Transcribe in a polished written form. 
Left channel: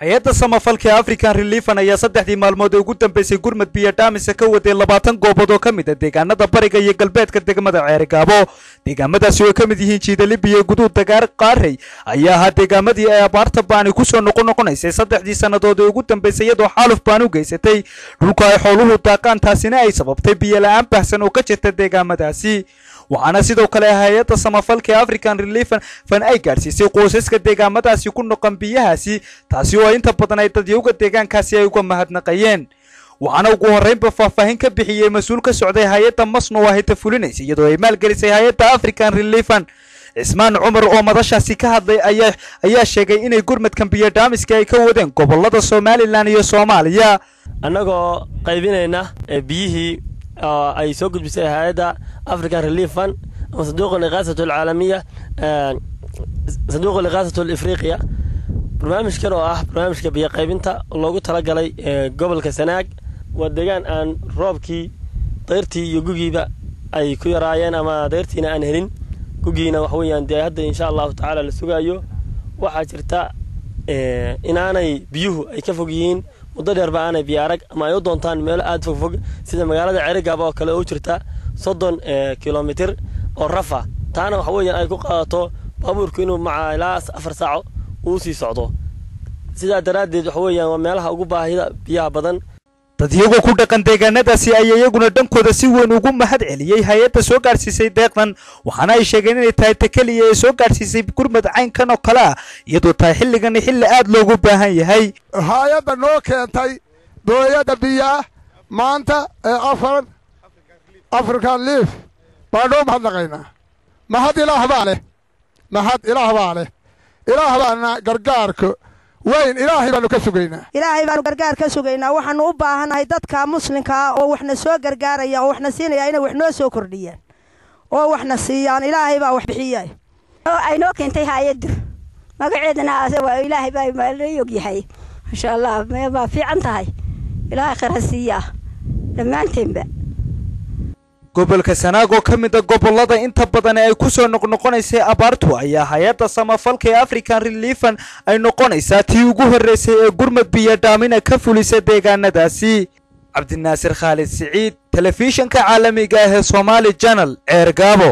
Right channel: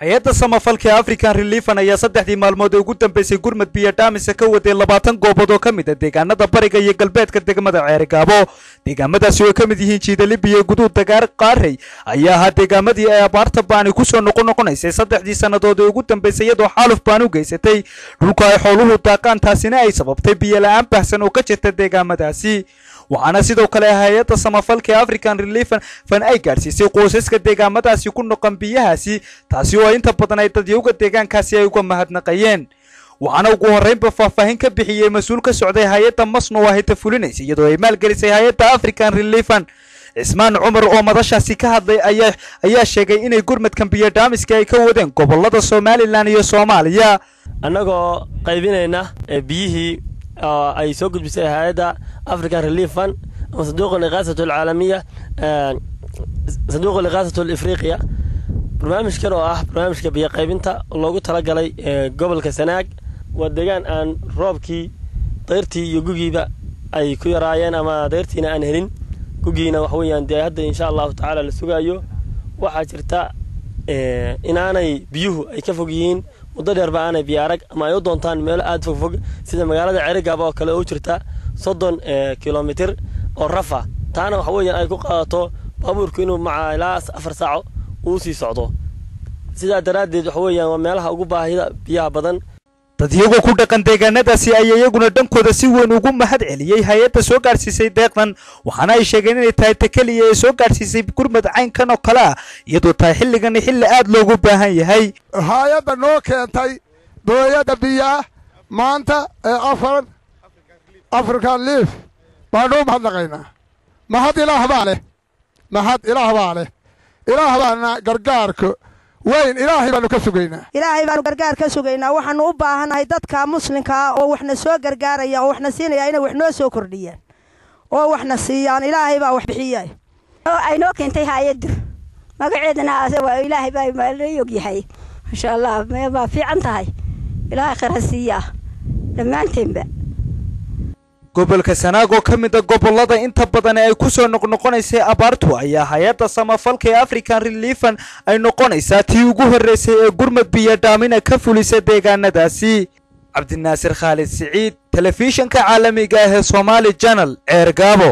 hay-adda samafalka African Relief ayaa saddexdii maalmood ugu dambeysay gurmad biyo dhaamis ka waday 20 goobood oo kamid ah deegaanada bariga iyo galbeedka degmada Ceergaabo. deegaamadaasi oo kamid yihiin Jiidali biyo guduud Dagaar Qaarey ayaa deegaamadii ay abaarta baani ku soo noqonaysay saddexdii sanadood ugu dambeysay iyadoo xaaluf baan u geysatay dhulka ay xooluhu daaqaan taasina ay sababtay biyo la'aan baahsan oo ka jirta deegaamadaasi. waxaana sidoo kale hay'adda samafalka African Relief fan ay gaarsiisay qoysaska deegaamadaasi ku noqon biyahaasi taasi oo inta badan ay dadyoga deegaankaasi ay uga mahadnaqayeen. waxaana ugu horeynba faahfaahin ka bixiyay mas'uul ka socday hay'adda Masno waa hay'ad fulinaysa iyadoo ay maalgelisay hay'adda African Relief Ismaan Cumar oo madashaasi ka hadlay ayaa sheegay inay gurmadkan biyo dhaamiska ay ka wadeen gobolada Somaliland iyo Soomaaliya annagoo qaybinayna biyihii ay soo gudbisay hay'adda African Relief Fund وصندوق الإغاثة العالمية صندوق الإغاثة الإفريقية برنامج كانوا برنامج كبير قيبنتا لوجو تلاقي قبل كسناق ودجان أن روبكي طيرتي يجوجي بقى أي كي رايان أما طيرتينا أنهرين كوجينا وحويا دي هذا إن شاء الله تعالى للسجايو وحاجرتا إن أنا بيوه أي كفوجين وضد أنا بيارك أما يودون تان مال أد فوق سيدا مقالة عرقابا كلا أوجرتا صدّن كيلومتر الرفع تانا وحويا أي كقاطو بابور كينو مع لاس أفر ساعة وسي صعدو سيدا دراد حويا ومالها أقوبها هي بيها بدن dadiyagoo ku dhaqan deegaanadaasi ay iyaguna dhankooda si weyn ugu mahad celiyay hay'adda soo gaarsiisay deeqdan waxaana ay sheegeen inay tahay kaliya ay soo gaarsiisay gurmad caynkan oo kala iyadoo tahay xilligan xilli aad loogu baahan yahay hay'adda noo keentay dooyada biyaha maanta African Relief baadho mahadnaqayna mahad ilaah baale ilaah baana gargaarka وين إلهي بانو كسوغينا إلهي بانو غرغار كسوغينا waxaan u baahanahay dadka muslimka oo waxna soo gargaaraya oo waxna siinaya inay wax noo soo kordhiyaan oo waxna siiyaan ilaahay baa wax bixiyay oo ay noo keentay hay'ad magaceedana waa ilaahay baa maaliyog yahay insha Allah ma fiican tahay ilaahay khayr siiya dhamaanteedba gobolka Sanaag oo kamid ah gobolada inta badan ay ku soo noqonaysay abaartu ayaa hay'adda samafalka African Relief ay noqonaysaa tii ugu horeysay ee gurmad biyo dhaamina ka fulisay deegaanadaasi. Cabdinaasir Khalid Saciid, telefishinka caalamiga ah ee Somali Channel, Ceergaabo.